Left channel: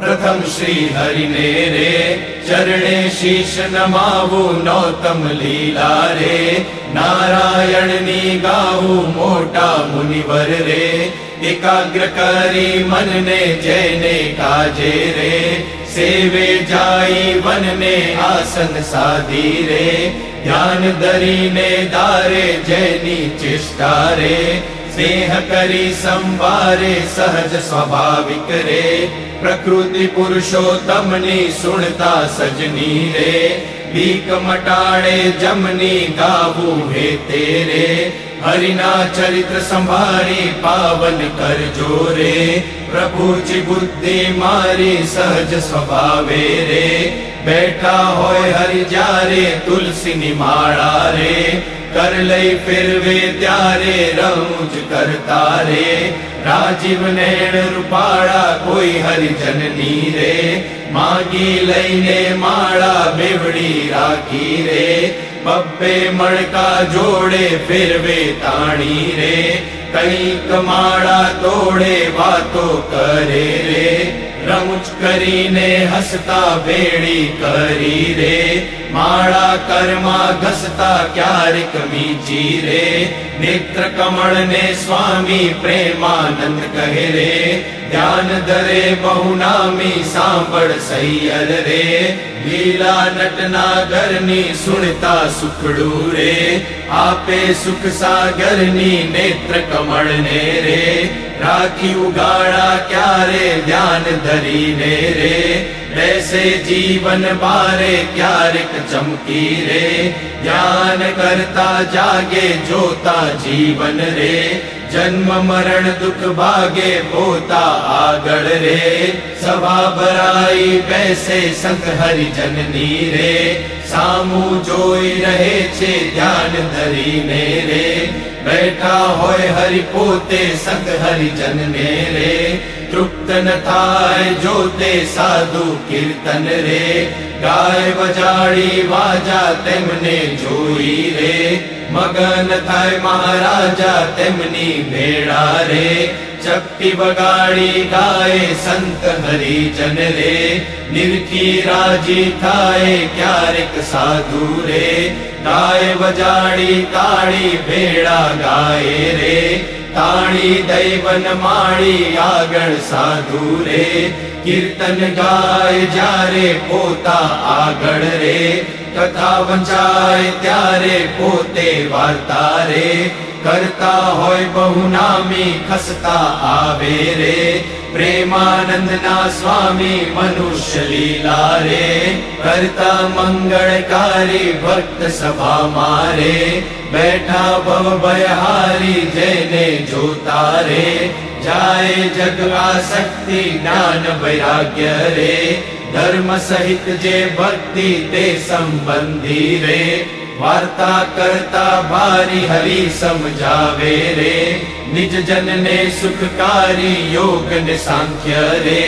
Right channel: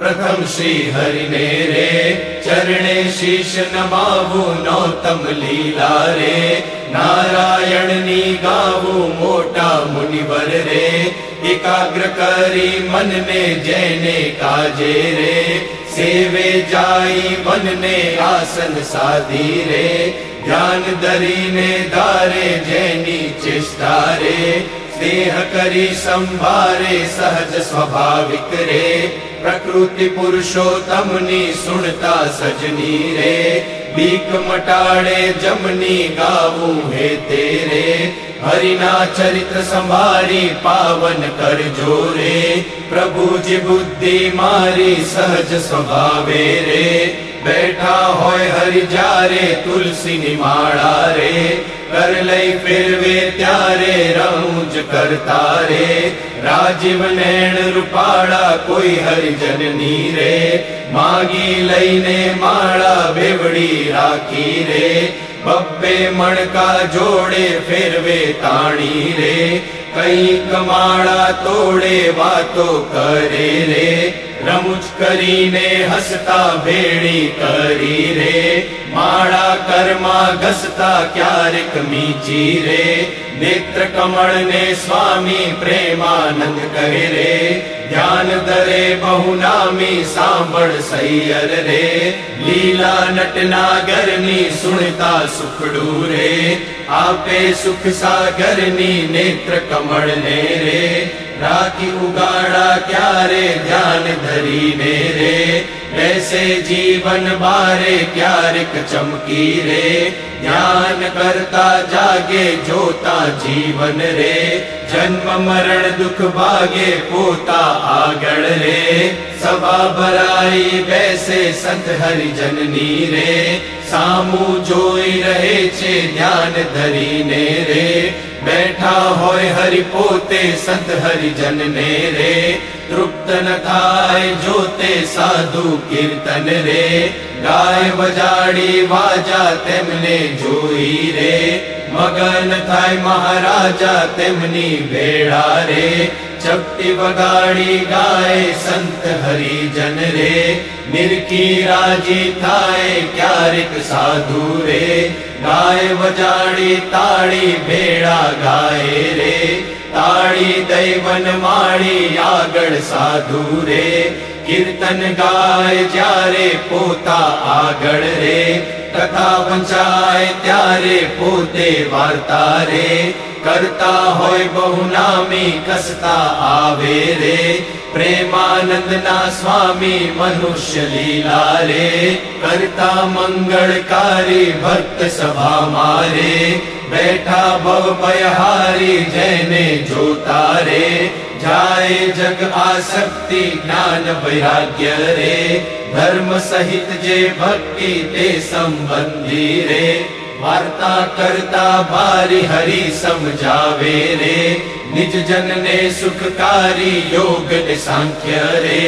प्रथम श्री हरि ने रे चरणे शीश नमावु नौतम लीला रे नारायण नी गावु मोटा मुनिवर रे एकाग्र करी मन ने जैने काजे रे सेवे जाई वन ने आसन साधी रे ध्यान धरी ने दारे जैनी चेष्टा रे स्नेह करी संभारे सहज स्वाभाविक रे प्रकृति पुरुषोत्तम नी सुनता सजनी रे बीक मटाड़े जमनी गावू हे तेरे हरिना चरित्र संभारी पावन कर जोरे प्रभु जी बुद्धि मारी सहज स्वभावे रे बैठा होय हरि जारे तुलसी निमाड़ा रे कर लई फिर वे त्यारे रौज करता रे राजीव नैण रूपाड़ा कोई हरि जननी रे मागी लईने माड़ा बेवड़ी राखी रे बब्बे मणका जोड़े फिर वे ताणी रे कई कमाड़ा तोड़े वातो करे रे रमुच करीने हसता बेड़ी करी रे माड़ा कर्मा घसता क्यारिक मीची रे नेत्र कमल ने स्वामी प्रेमानंद कहे रे ध्यान धरे बहुनामी सांबड़ सैयल रे लीला नटनागर नी सुनता सुखड़ू रे आपे सुख सागर नी नेत्र कमल ने रे राखी उगाड़ा क्यारे ध्यान धरी ने रे ऐसे जीवन बारे क्यारिक चमकी रे ध्यान करता जागे जोता जीवन रे जन्म मरण दुख भागे पोता आगड़ रे सभा भराई बैसे संत हरि जननी रे सामू जोई रहे छे ध्यान धरी ने रे बैठा होय हरि पोते संत हरि जन ने रे तृप्त न थाय जोते साधु कीर्तन रे गाय बजाड़ी वाजा तेमने जोई रे मगन थाय महाराजा तेमनी भेड़ा रे चपटी बगाड़ी गाय संत हरि जन रे निरखी राजी थाय क्यारिक साधु रे गाय बजाड़ी ताड़ी भेड़ा गाए रे ताड़ी दैवन माड़ी आगड़ साधु रे कीर्तन गाय जारे पोता आगड़ रे कथा वंचाए त्यारे पोते वार्ता रे करता होय बहुनामी कसता आवे रे प्रेमानंद ना स्वामी मनुष्य लीला रे करता मंगलकारी भक्त सभा मारे बैठा भव भयहारी जैने जोता रे जाए जग आसक्ति ज्ञान वैराग्य रे धर्म सहित जे भक्ति ते संबंधी रे वार्ता करता बारी हरि समझावे रे निज जन ने सुखकारी योग ने सांख्य रे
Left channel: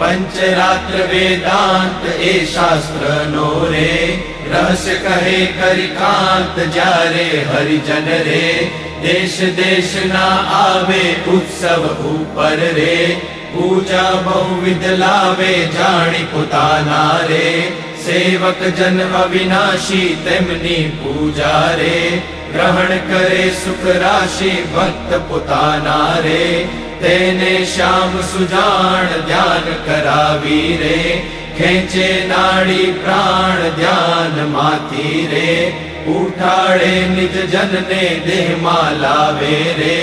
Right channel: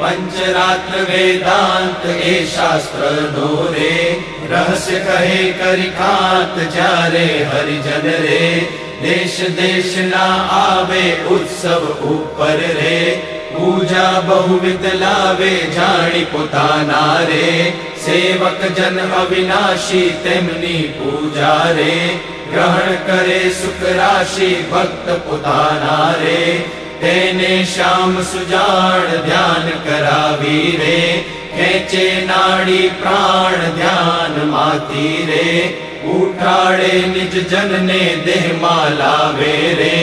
पंचरात्र वेदांत ए शास्त्र नो रे रहस्य कहे करिकांत जारे हरिजन रे देश देश ना आवे उत्सव ऊपर रे पूजा बहुविध लावे जानी पुताना रे सेवक जन अविनाशी तेमनी पूजा रे ग्रहण करे सुख राशि भक्त पुताना रे तेने श्याम सुजान ध्यान करावी रे खेचे नाड़ी प्राण ध्यान माती रे उठाड़े निज जन ने देह मालावे रे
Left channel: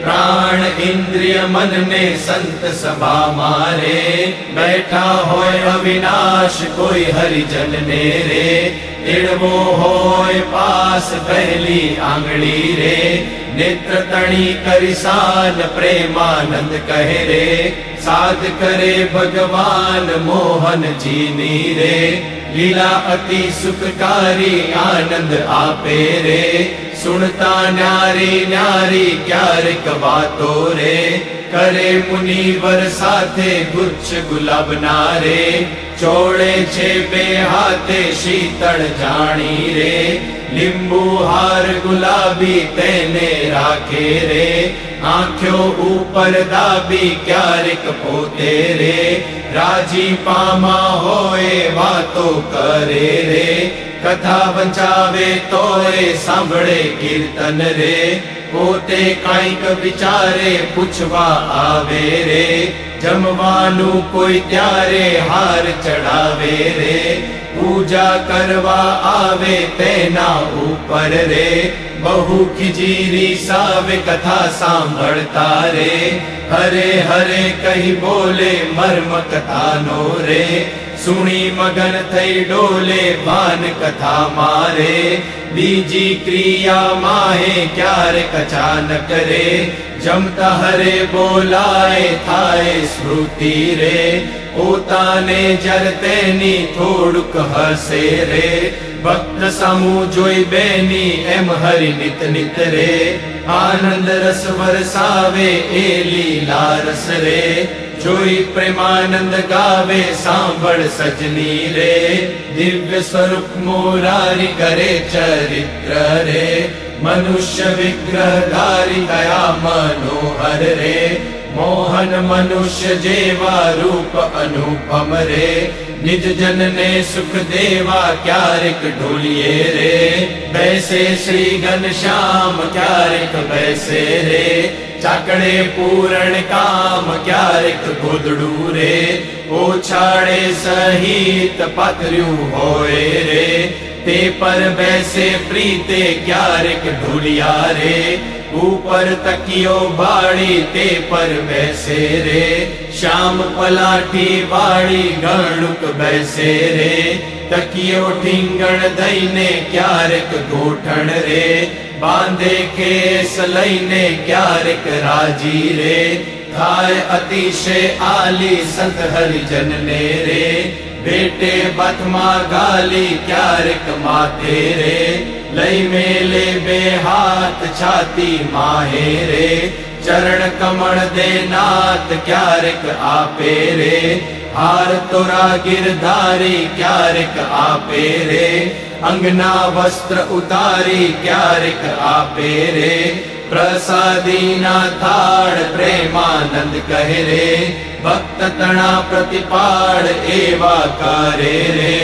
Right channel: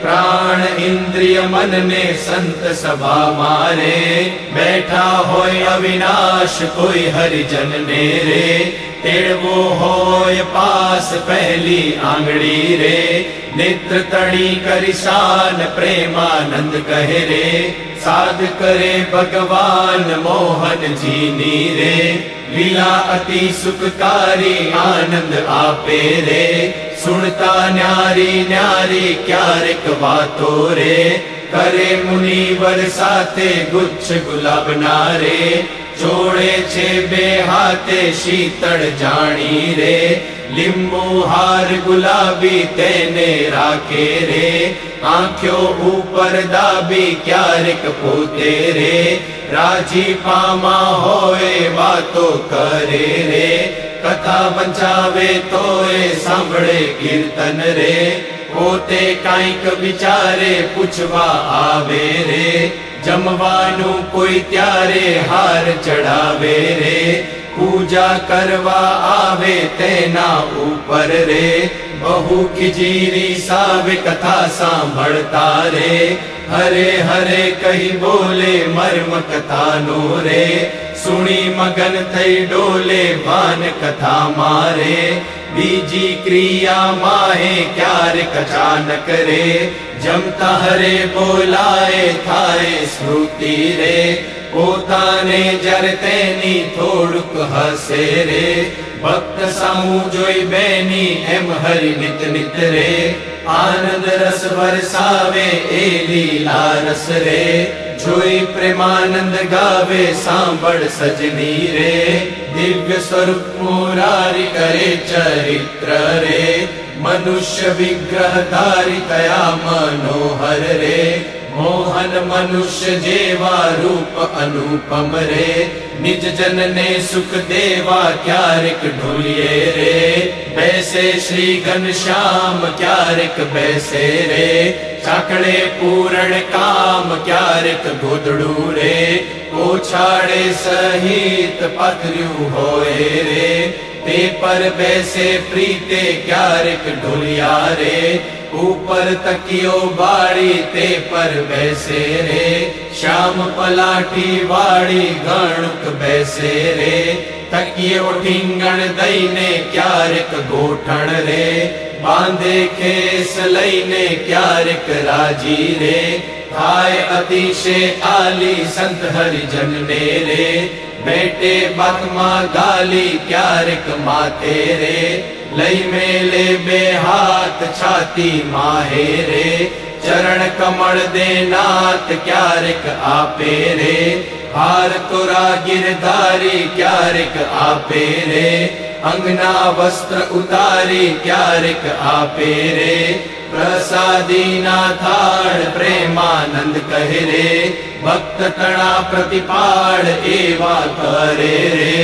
प्राण इंद्रिय मन ने संत सभा मारे बैठा होय अविनाश कोई हरिजन ने रे तेड़वो होय पास पहली आंगड़ी रे नेत्र तड़ी करिसान प्रेमानंद कहे रे साध करे भगवान मोहन जीनी रे लीला अति सुखकारी आनंद आपे रे सुनता न्यारी न्यारी क्यारिक बातो रे કરે મુનિવર સાથે ગુચ્છ ગુલાબના રે જોડે છે બે હાથે શીતળ જાણી રે લીંબુ હાર ગુલાબી તેને રાખે રે આંખ્યો ઉપર દાબી ક્યારેક પોતે રે રાજીપામાં હોય વાતો કરે રે કથા વંચાવે તોય સાંભળે કીર્તન રે પોતે કંઈક વિચારે પૂછવા આવે રે જમવાનું કોઈ ત્યારે હાર ચડાવે રે પૂજા કરવા આવે તેના ઉપર રે બહુ ખીજીરી સાવે કથા સાંભળતા રે હરે હરે કહી બોલે મર્મ કથાનો રે સુણી મગન થઈ ડોલે ભાન કથા મારે બીજી ક્રિયા માહે ક્યારેક અચાનક રે જમતા હરે બોલાય થાય સ્મૃતિ રે પોતાને જર તેની થોડુંક હસે રે ભક્ત સમૂહ જોઈ બેની એમ હરિ નિત નિત રે આનંદ રસ વરસાવે એ લીલા રસ રે જોઈ પ્રેમાનંદ ગાવે સાંભળ સજની રે દિવ્ય સ્વરૂપ મોલારી કરે ચરિત્ર રે મનુષ્ય વિગ્રહ ધારી કયા મનોહર રે મોહન મનુષ્ય જેવા રૂપ અનુપમ રે નિજ જન ને સુખ દેવા ક્યારેક ઢોલીએ રે બેસે શ્રી ઘનશ્યામ ક્યારેક બેસે રે ચાકડે પૂરણ કામ ક્યારેક ગોદડું રે ઓછાડે સહિત પાથર્યું હોય રે તે પર બેસે પ્રીતે ક્યારેક ઢોલિયા રે ઉપર તકિયો બાળી તે પર બેસે રે શ્યામ પલાઠી વાળી ઘણુક બેસે રે તકિયો ઢીંગણ દઈને ક્યારેક ગોઠણ રે બાંધે ખેસ લઈને ક્યારેક રાજી રે થાય અતિશય આલી સંત હરિજન ને રે બેટે બાથમાં ગાલી ક્યારેક માથે રે લઈ મેલે બે હાથ છાતી માહે રે ચરણ કમળ દે નાથ ક્યારેક આપે રે હાર તોરા ગિરધારી ક્યારેક આપે રે અંગના વસ્ત્ર ઉતારી ક્યારેક આપે રે પ્રસાદી ના થાળ પ્રેમાનંદ કહે રે ભક્ત તણા પ્રતિપાળ એવા કરે રે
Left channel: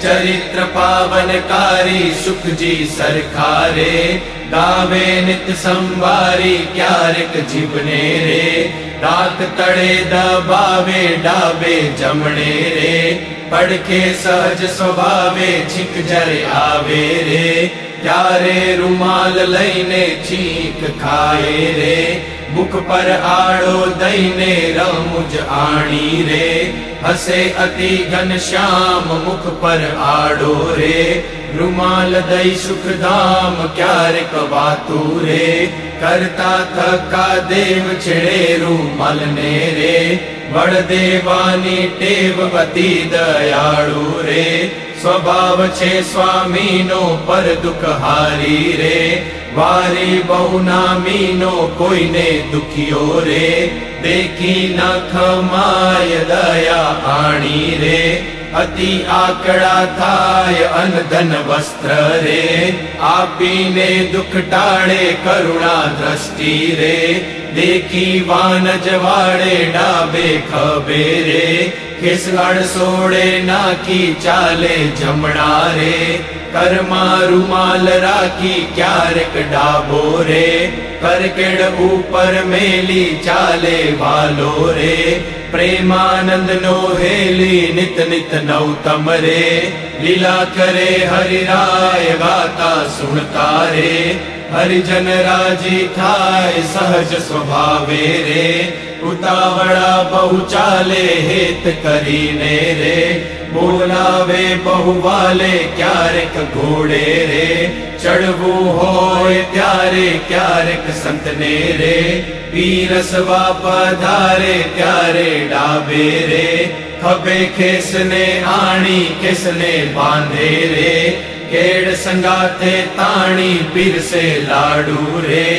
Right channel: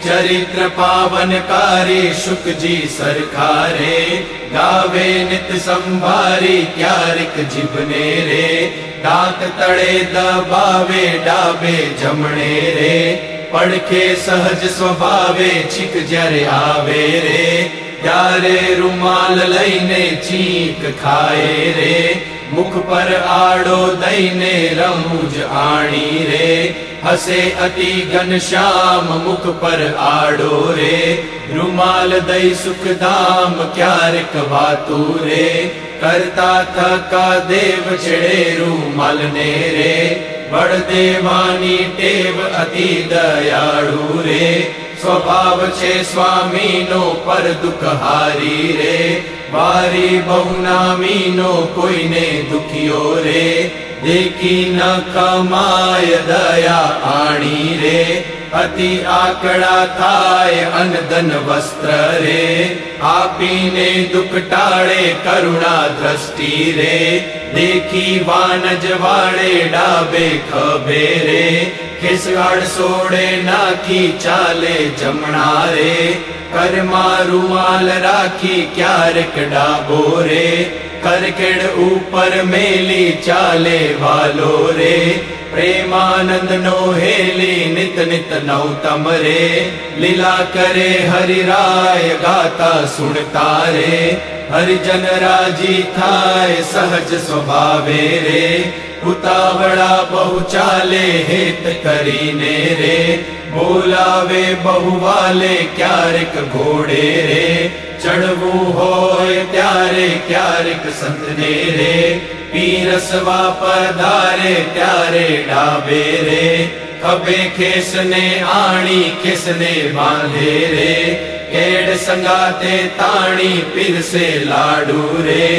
ચરિત્ર પાવનકારી શુકજી સરખા રે ગાવે નિત સંભારી ક્યારેક જીભને રે રાત તળે દબાવે ડાબે જમણે રે પડખે સહજ સ્વભાવે છીક જ્યારે આવે રે ત્યારે રૂમાલ લઈને છીક ખાય રે મુખ પર આડો દઈને રમૂજ આણી રે હસે અતિ ઘનશ્યામ મુખ પર આડો રે રૂમાલ દઈ સુખધામ ક્યારેક વાતું રે કરતા થકા દેવ છેડે રૂમાલ ને રે બળદેવાની ટેવ અતિ દયાળુ રે સ્વભાવ છે સ્વામીનો પર દુઃખ હારી રે વારી બહુ નામીનો કોઈને દુખ્યો રે દેખી ન ખમાય દયા આણી રે અતિ આકડા થાય અન ધન વસ્ત્ર રે આપીને દુઃખ ટાળે કરુણા દ્રષ્ટિ રે દેખી વાનજ વાળે ડાબે ખભે રે કેસગઢ સોડે નાખી ચાલે જમણા રે કરમાં રૂમાલ રાખી ક્યારેક ડાબો રે કરકેડ ઉપર મેલી ચાલે વાલો રે પ્રેમાનંદ નો હેલી નિત નિત નૌતમ રે લીલા કરે હરિરાય ગાતા સુણતા રે હરિજન રાજી થાય સહજ સ્વભાવે રે ઉતાવળા બહુ ચાલે હેત કરીને રે બોલાવે બહુ વાલે ક્યારેક ઘોડે રે ચડવું હોય ત્યારે ક્યારેક સંતને રે પીરસવા પધારે ત્યારે ડાબે રે ખભે ખેસને આણી ખેસને બાંધે રે केड़ संगाते ताणी पीर से लाडू रे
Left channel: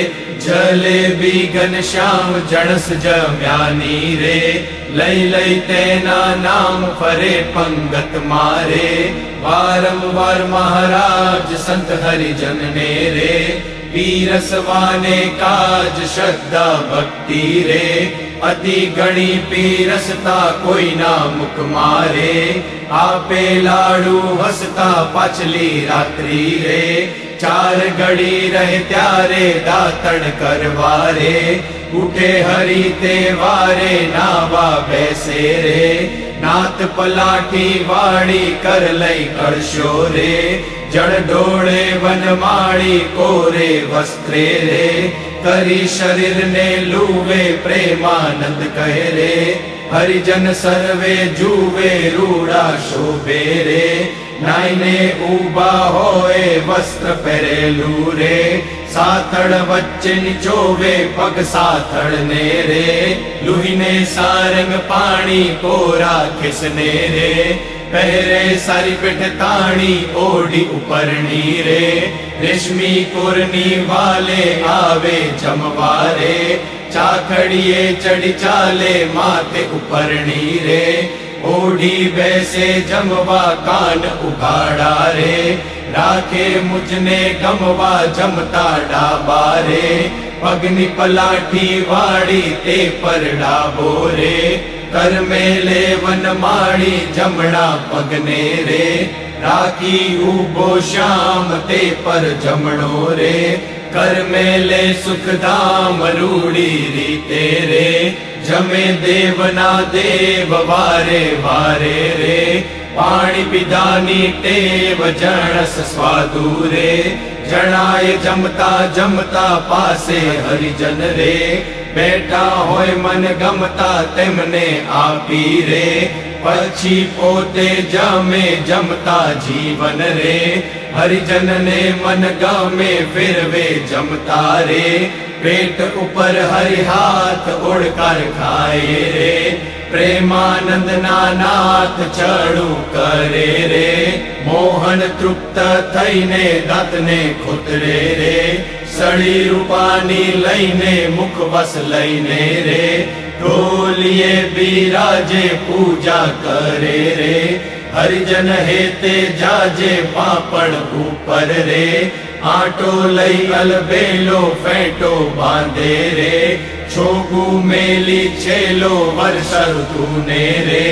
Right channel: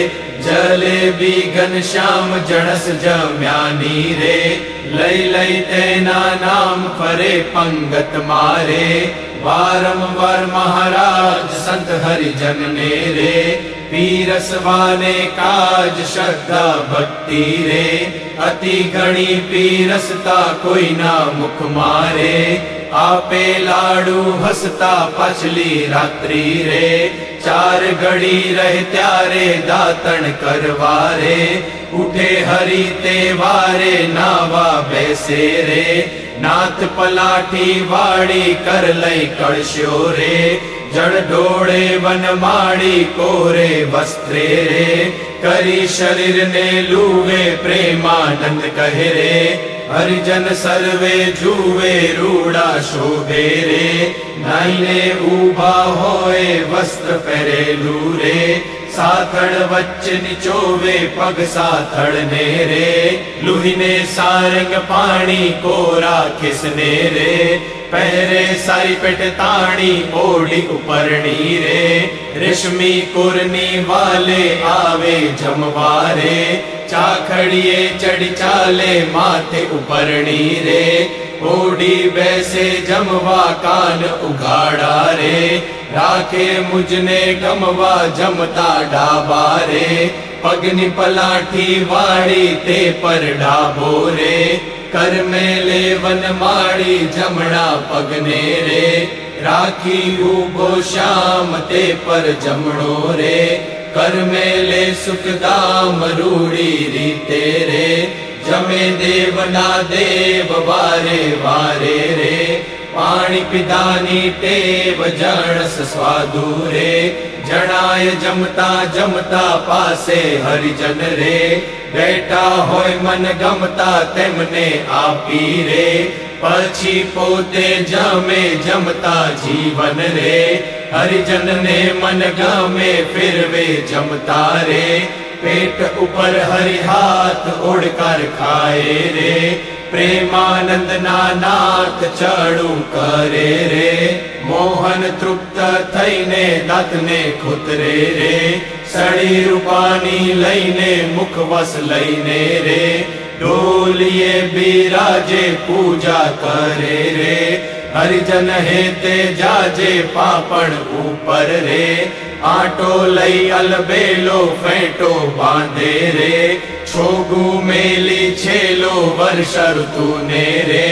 जलेबी घनश्याम जड़स जम्यानी रे लई लई तेना नाम फरे पंगत मारे वारंवार महाराज संत हरिजन ने रे पीरसवाने काज श्रद्धा भक्ति रे अति घणी पीरसता कोई ना मुख मारे आपे लाडू हसता पाछली रात्रि रे चार घड़ी रहे त्यारे दातन करवारे उठे हरि तेवारे नावा बैसे रे नाथ पलाटी वाड़ी कर लई कड़शो रे जड़ डोड़े वन माड़ी कोरे वस्त्रे रे करी शरीर ने लूवे प्रेमानंद कहे रे हरिजन सर्वे जुवे रूड़ा शोभे रे नाइने उबा होए वस्त्र पहरेलू रे साथड़ वच्चे निचोवे पग साथड़ ने रे लुहिने सारंग पानी कोरा खिसने रे पहरे सारी पेट ताणी ओढ़ी उपरणी रे रेशमी कुरनी वाले आवे जमवारे चाखड़िए चढ़ी चाले माथे उपरणी रे ओढ़ी वैसे जमवा कान उगाड़ा रे राखे मुझने गमवा जमता डाबा रे पगनी पलाठी वाड़ी ते पर डाबो रे कर मेले वन माड़ी जमड़ा पगने रे राखी उबो श्याम ते पर जमणो रे कर मेले सुखदाम रूड़ी रीते रे जमे देवना देव वारे वारे रे पाणी पिदानी टेव जणस स्वादु रे जणाय जमता जमता पासे हरिजन रे बैठा होय मन गमता तेमने आपी रे पछी पोते जमे जमता जीवन रे हरिजन ने मन गमे फिर वे जमता रे पेट ऊपर हरि हाथ ओढ़कर खाए रे प्रेमानंद नाथ चढ़ू करे रे मोहन तृप्त थईने दातने खुतरे रे सड़ी रूपानी लईने मुखवस लईने रे ढोलिए बिराजे पूजा करे रे हरिजन हेते जाजे पापड़ ऊपर रे आटो लई अलबेलो फेंटो बांधे रे छोगु मेली छेलो वर्ष ऋतु ने रे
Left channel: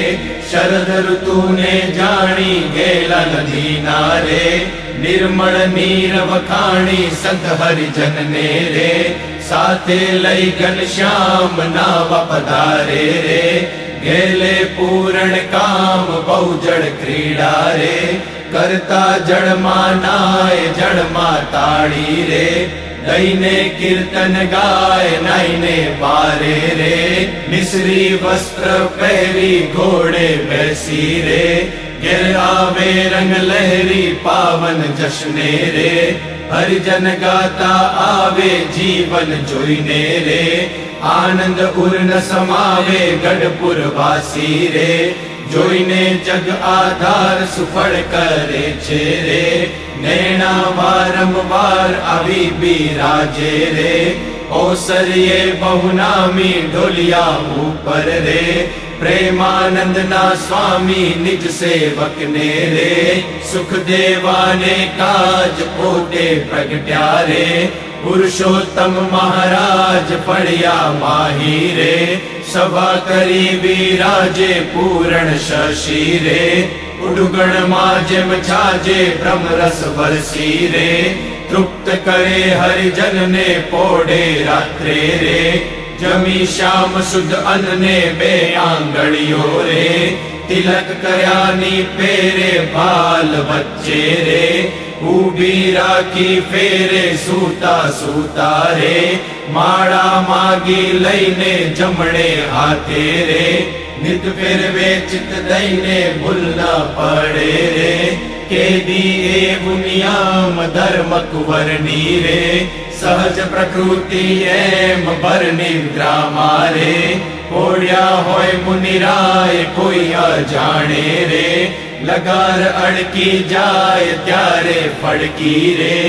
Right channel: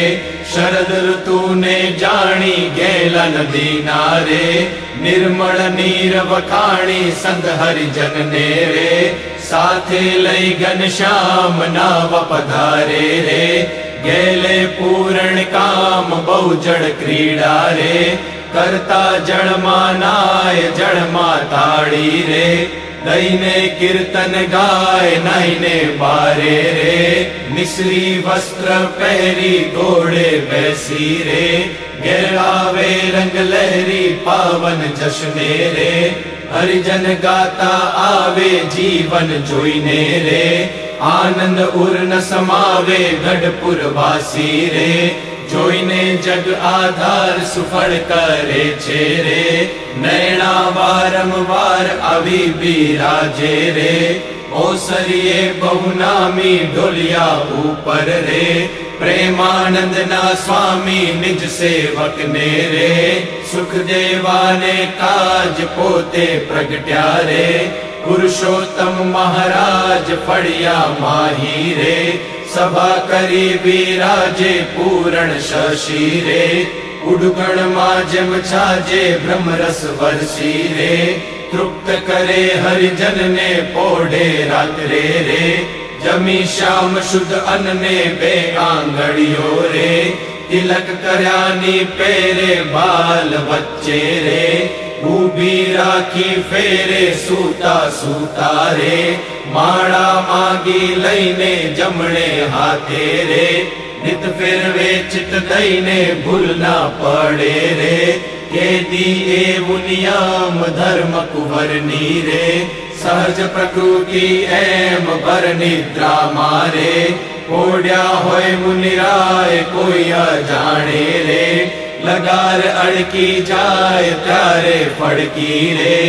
शरद ऋतु ने जानी गेला नदी नारे निर्मल नीर वखाणी संत हरिजन ने रे साथे लई घनश्याम नाव पधारे रे गेले पूरण काम बहुजड़ क्रीड़ा रे करता जड़ मानाय जड़ माताड़ी रे दईने कीर्तन गाय नाइने बारे रे मिश्री वस्त्र पहरी घोड़े बैसी रे गिर आवे रंग लहरी पावन जश्ने रे हरिजन गाता आवे जीवन जोईने रे आनंद उर न समावे गढ़पुर वासी रे जोईने जग आधार सुफल करे छेरे नैना वारंवार अभी बिराजे रे ओसरिये बहुनामी ढोलिया ऊपर रे प्रेमानंद ना स्वामी निज सेवक ने रे सुख देवाने काज पोते प्रगट्या रे पुरुषोत्तम महाराज फड़िया माही रे सभा करी विराजे पूरण शशि रे उड़गण माजम छाजे ब्रह्मरस वर्षी रे तृप्त करे हरिजन ने पोढ़े रात्रे रे जमी श्याम शुद्ध अन्न ने बे आंगड़ियो रे तिलक करयानी पेरे बाल बच्चे रे ऊबी राखी फेरे सूता सूता रे माड़ा मागी लईने जमणे हाथे रे नित फिर वे चित दईने भूल न पड़े रे केदी एवं नियम धर्म कुवरनी रे सहज प्रकृति एम बर निद्रा मारे ओढ़िया होय मुनिराय कोई अजाणे रे લગાર અડકી જાય ત્યારે ફડકી રે,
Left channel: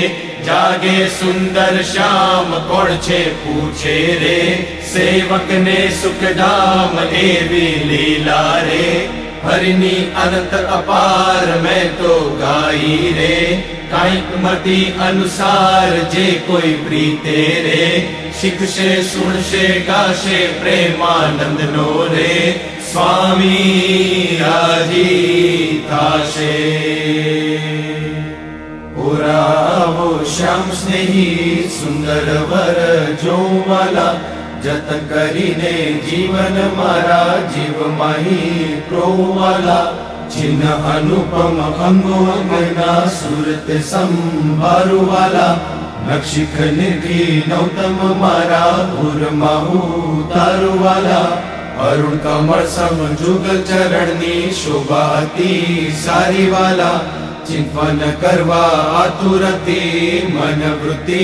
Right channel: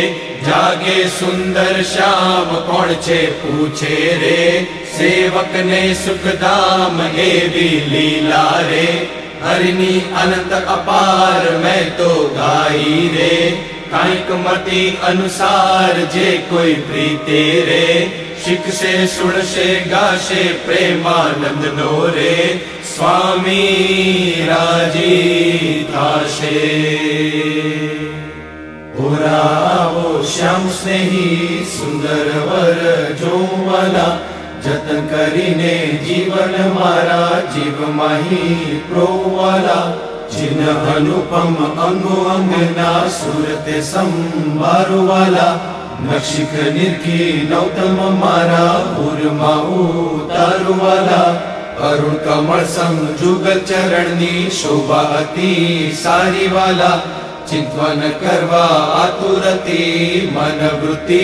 જાગે સુંદર શ્યામ કોણ છે પૂછે રે, સેવકને સુખધામ એવી લીલા રે, હરિની અનંત અપાર મેં તો ગાઈ રે, કાંઈક મતિ અનુસાર જે કોઈ પ્રીતે રે, શીખશે સુણશે ગાશે પ્રેમાનંદ નો રે, સ્વામી રાજી થાશે. પુરાવો શ્યામ સ્નેહી સુંદર વર જોવાલા, જતન કરીને જીવન મારા જીવ માહી પ્રોવાલા, ચિન્હ અનુપમ અંગો અંગના સુરત સંભાળવાલા, નક્ષિક નિર્ઘી નૌતમ મારા ભૂરમાં ઉતારવાલા, અરુણ કમળ સમ જુગલ ચરણની શોભા અતિ સારી વાલા, ચિંતન કરવા આતુરતી મન વૃત્તિ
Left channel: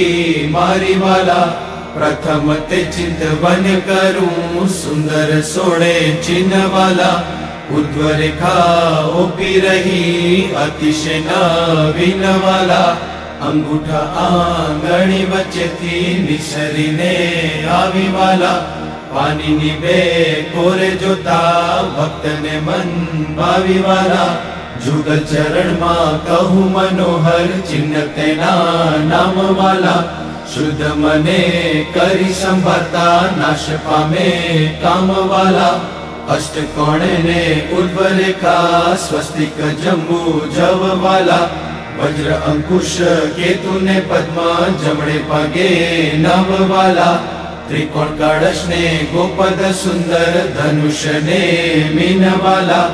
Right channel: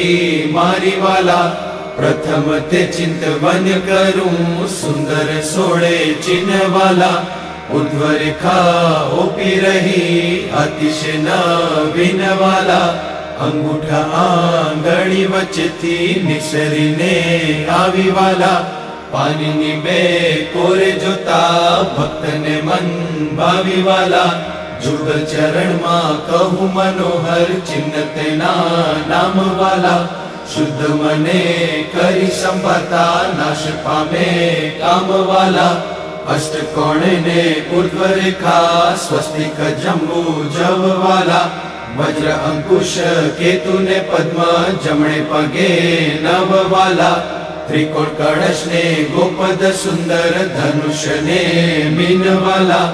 મારી વાલા, પ્રથમ તે ચિંતવન કરું સુંદર સોળે ચિહ્ન વાલા, ઉર્ધ્વ રેખા ઓપી રહી અતિશય નવીન વાલા, અંગૂઠા આંગળી વચ્ચેથી નિસરીને આવી વાલા, પાણીની બે કોરે જોતા ભક્તને મન ભાવી વાલા, જુગલ ચરણમાં કહું મનોહર ચિહ્ન તેના નામ વાલા, શુદ્ધ મને કરી સંભાળતા નાશ પામે કામ વાલા, અષ્ટકોણને ઉર્ધ્વ રેખા સ્વસ્તિક જંબુ જવ વાલા, વજ્ર અંકુશ કેતુને પદ્મ જમણે પગે નવ વાલા, ત્રિકોણ કળશને ગોપદ સુંદર ધનુષને મીન વાલા,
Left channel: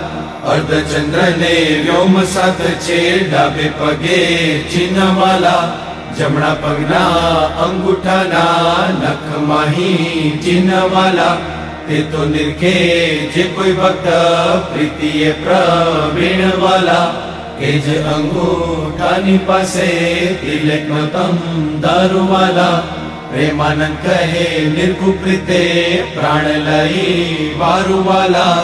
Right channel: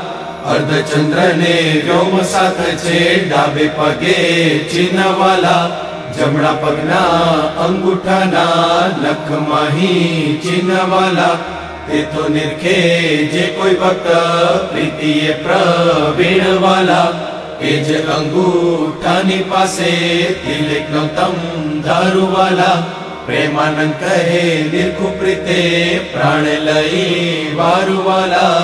અર્ધચંદ્રને વ્યોમ સાથ છે ડાબે પગે ચિહ્ન વાલા, જમણા પગના અંગૂઠાના નખ માહી ચિહ્ન વાલા, તે તો નિરખે જે કોઈ ભક્ત પ્રીતિએ પ્રવીણ વાલા, કે જે અંગૂઠાની પાસે તિલકનો તમ દારૂવાલા, પ્રેમાનંદ કહે નિર્ખુ પ્રીતે પ્રાણ લઈ વારુવાલા,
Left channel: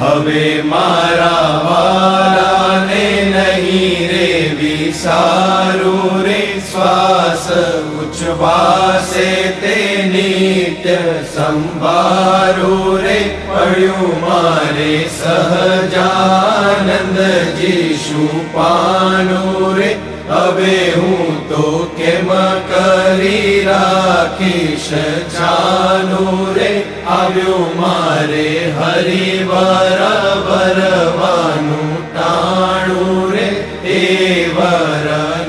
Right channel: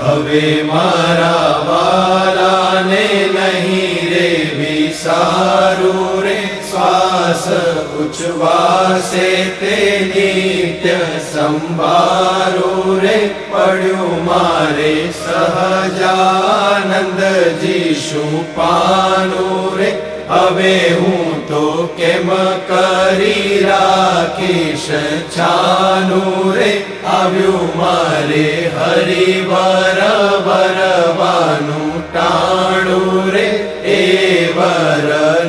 હવે મારા વાલાને નહીં રે વિસારું રે, શ્વાસ ઉચ્છવાસે તે નિત્ય સંભારો રે, પડ્યું મારે સહજાનંદજી શું પાનું રે, હવે હું તો કેમ કરી રાખીશ છાનું રે, આવ્યું મારે હરિવર ભરવાનું ટાણું રે, એ વર ન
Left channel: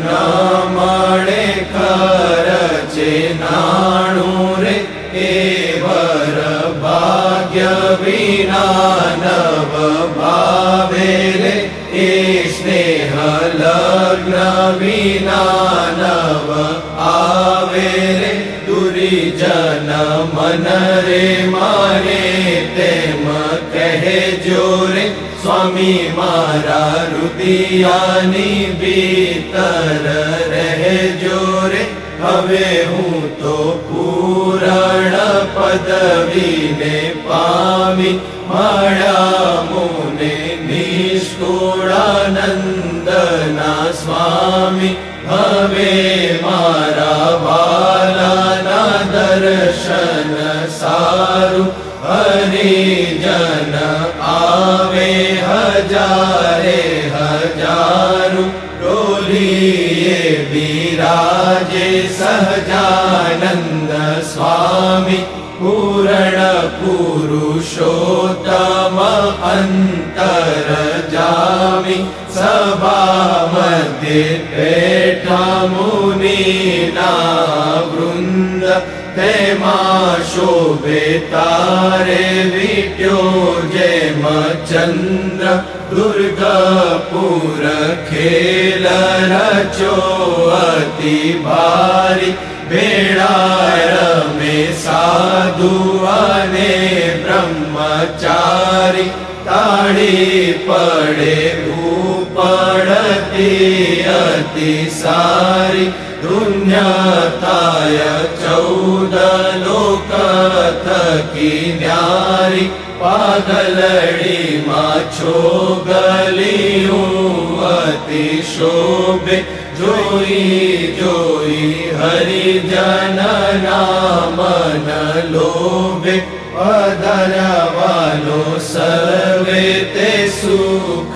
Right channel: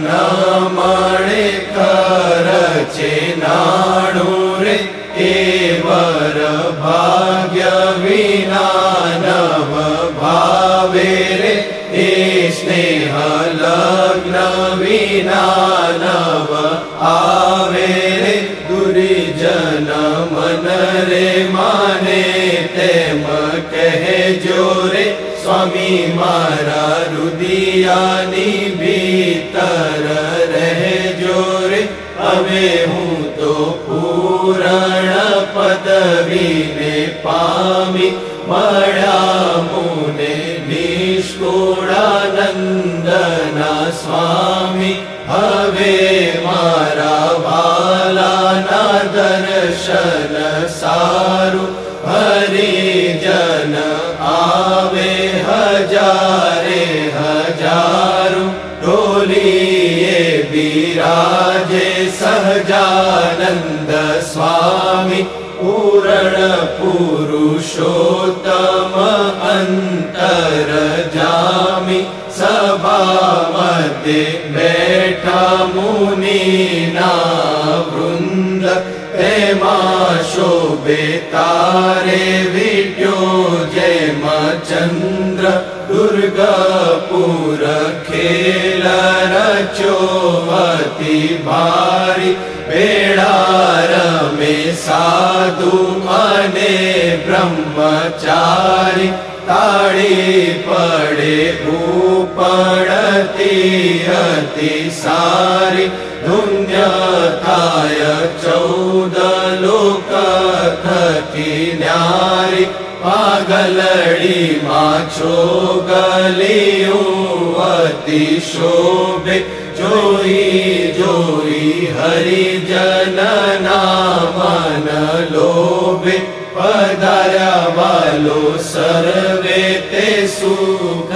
મળે ખર્ચે નાણું રે, એ વર ભાગ્ય વિના નવ ભાવે રે, એ સ્નેહ લગ્ન વિના નવ આવે રે, દુરીજન મન રે માને તેમ કહેજો રે, સ્વામી મારા રુદિયાની ભીતર રહેજો રે, હવે હું તો પૂરણ પદવીને પામી મળ્યા મુને નિષ્કુળાનંદના સ્વામી, હવે મારા વાલાના દર્શન સારું, હરિજન આવે હજારે હજારું, ડોલીએ બિરાજે સહજાનંદ સ્વામી, પૂરણ પુરુષોત્તમ અંતર જામી, સભા મધ્ય બેઠા મુનિના વૃંદ, તેમાં શોભે તારે વિટ્યો જેમ ચંદ્ર, દુર્ગાપુર ખેલ રચ્યો અતિ ભારી, ભેળા રમે સાધુ અને બ્રહ્મચારી, તાળી પડે ઉપડતી અતિ સારી, ધુન્યતાય 14 લોક થકી ન્યારી, પાગ गलड़ी माछो गलियों अति शोभे जोई जोई हरिजन नामन लोभे पधारा वालो सर्वे ते सुख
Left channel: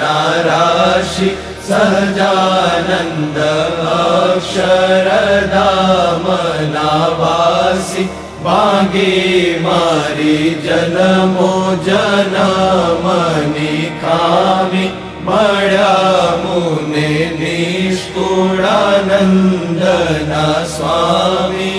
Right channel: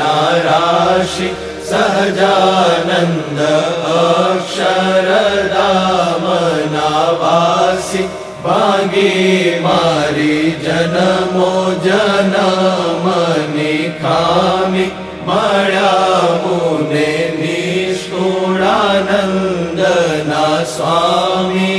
नाराशि सहजानंद अक्षरधाम नावासी भागे मारी जन्मो जन्मनि खामी मळ्या मुने निष्ठुरानंदना स्वामी।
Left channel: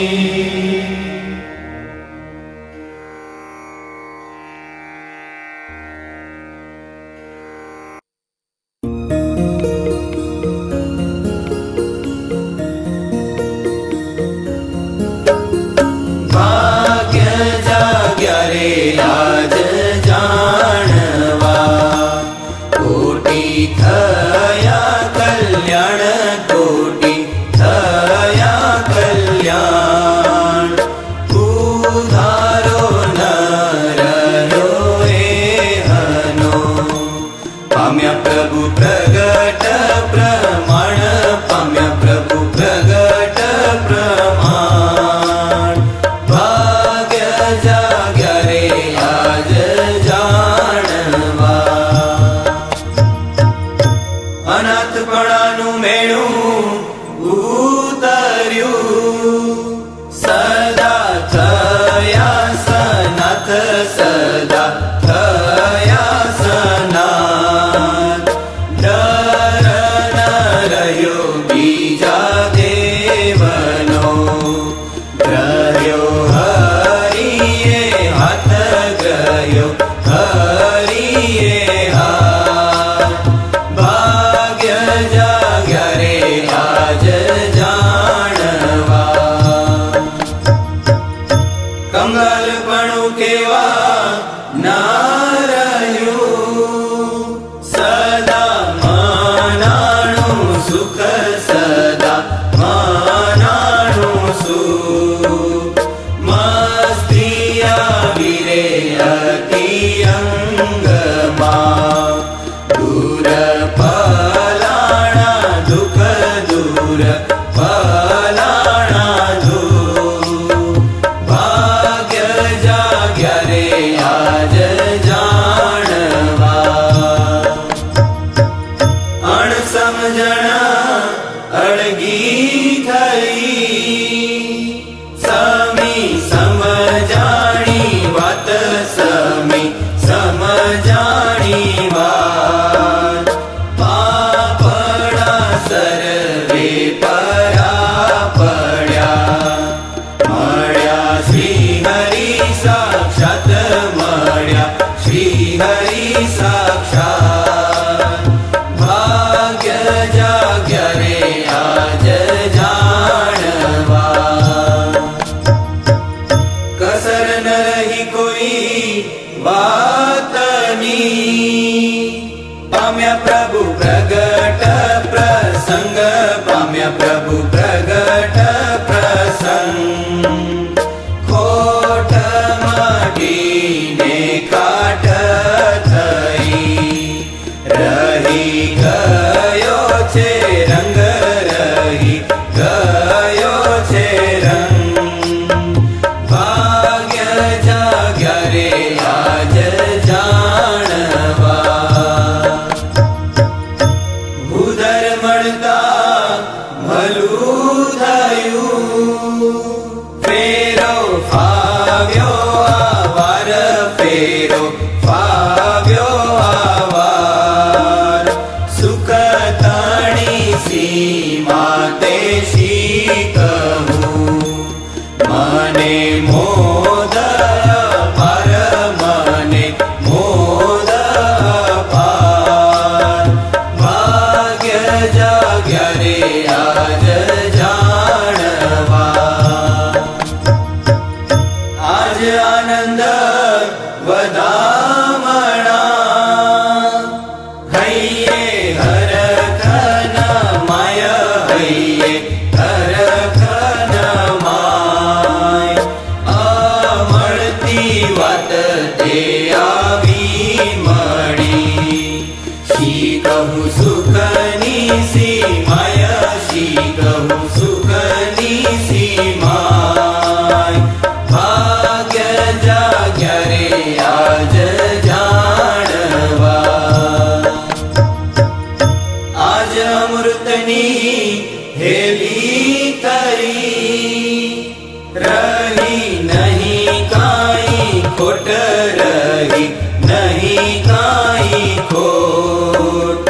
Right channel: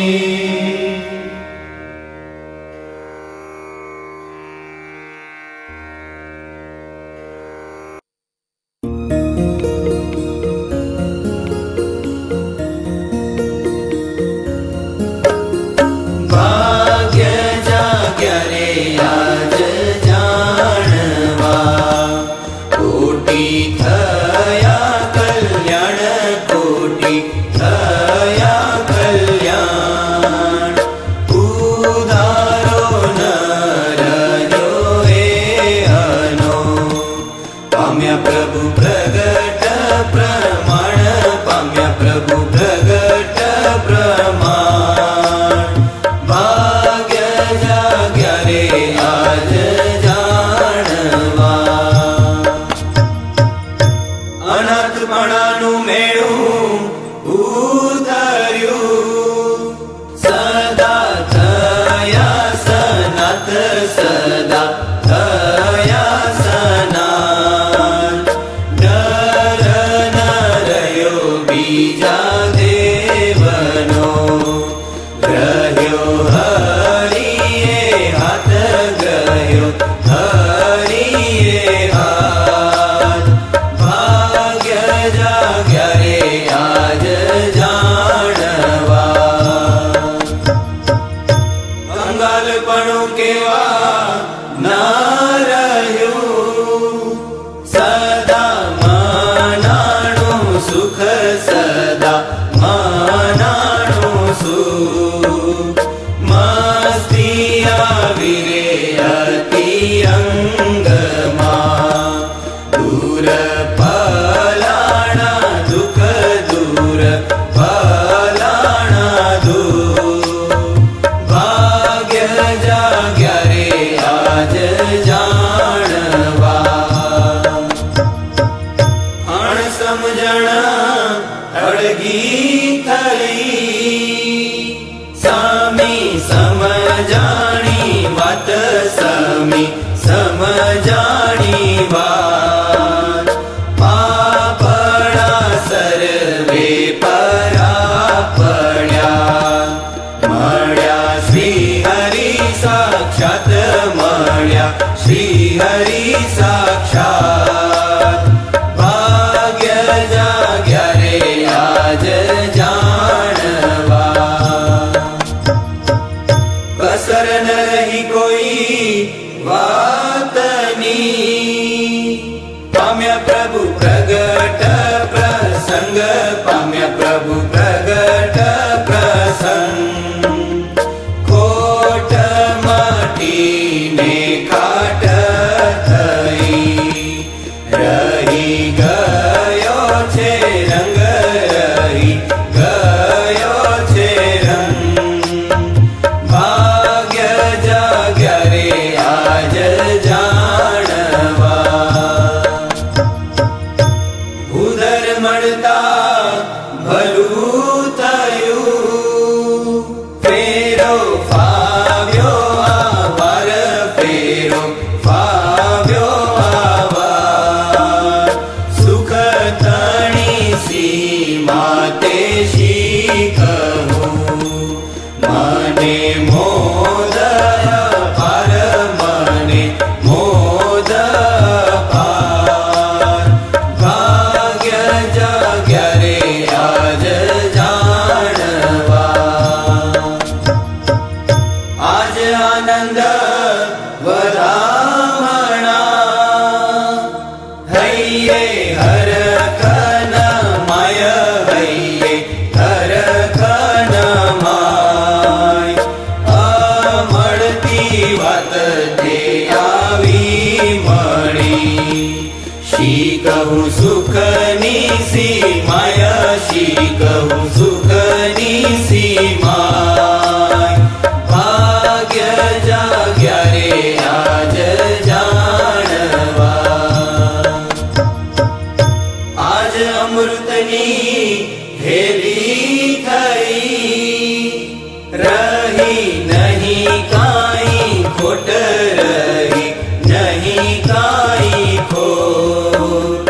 काई खोट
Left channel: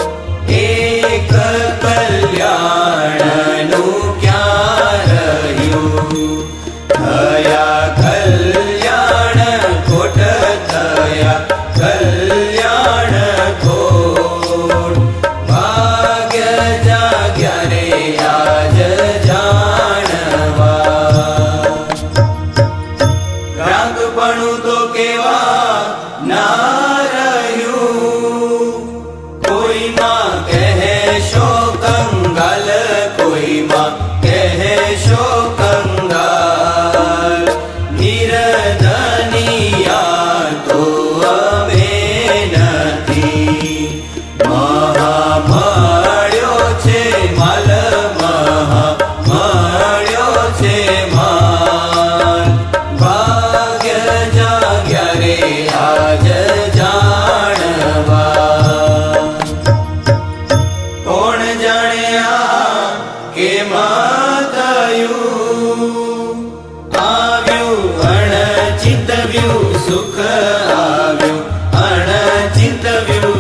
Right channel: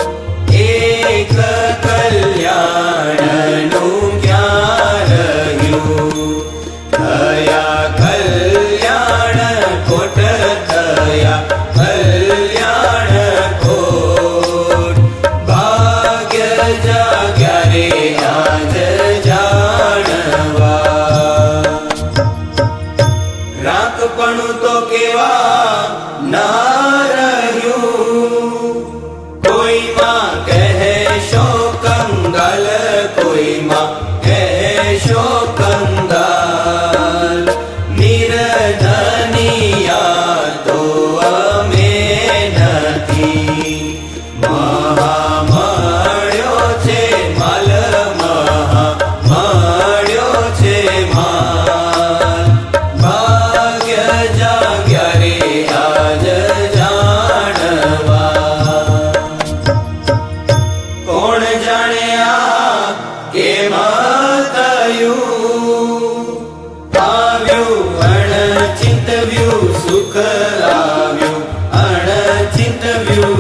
एक कल्याणनु क्या रह्યું थया कल्याण खोट थया कल्याण खोट भाग्य जाग्या रे आज જાણવા ગ્રાહકપણું તો કેવા ના રહ્યું કોઈમાં કહેશો કંગાલ કોઈમાં કહેશો કંગાલ નિર્ધનિયા તો અમે નથી મહા મળ્યો છે માલ મહા મળ્યો છે માલ ભાગ્ય જાગ્યા રે આજ જાણવા કોણ જાણ્યા કેમાં થયું આવ્યું અણચિંતવ્યું સુખ આવ્યું અણચિંતવ્યું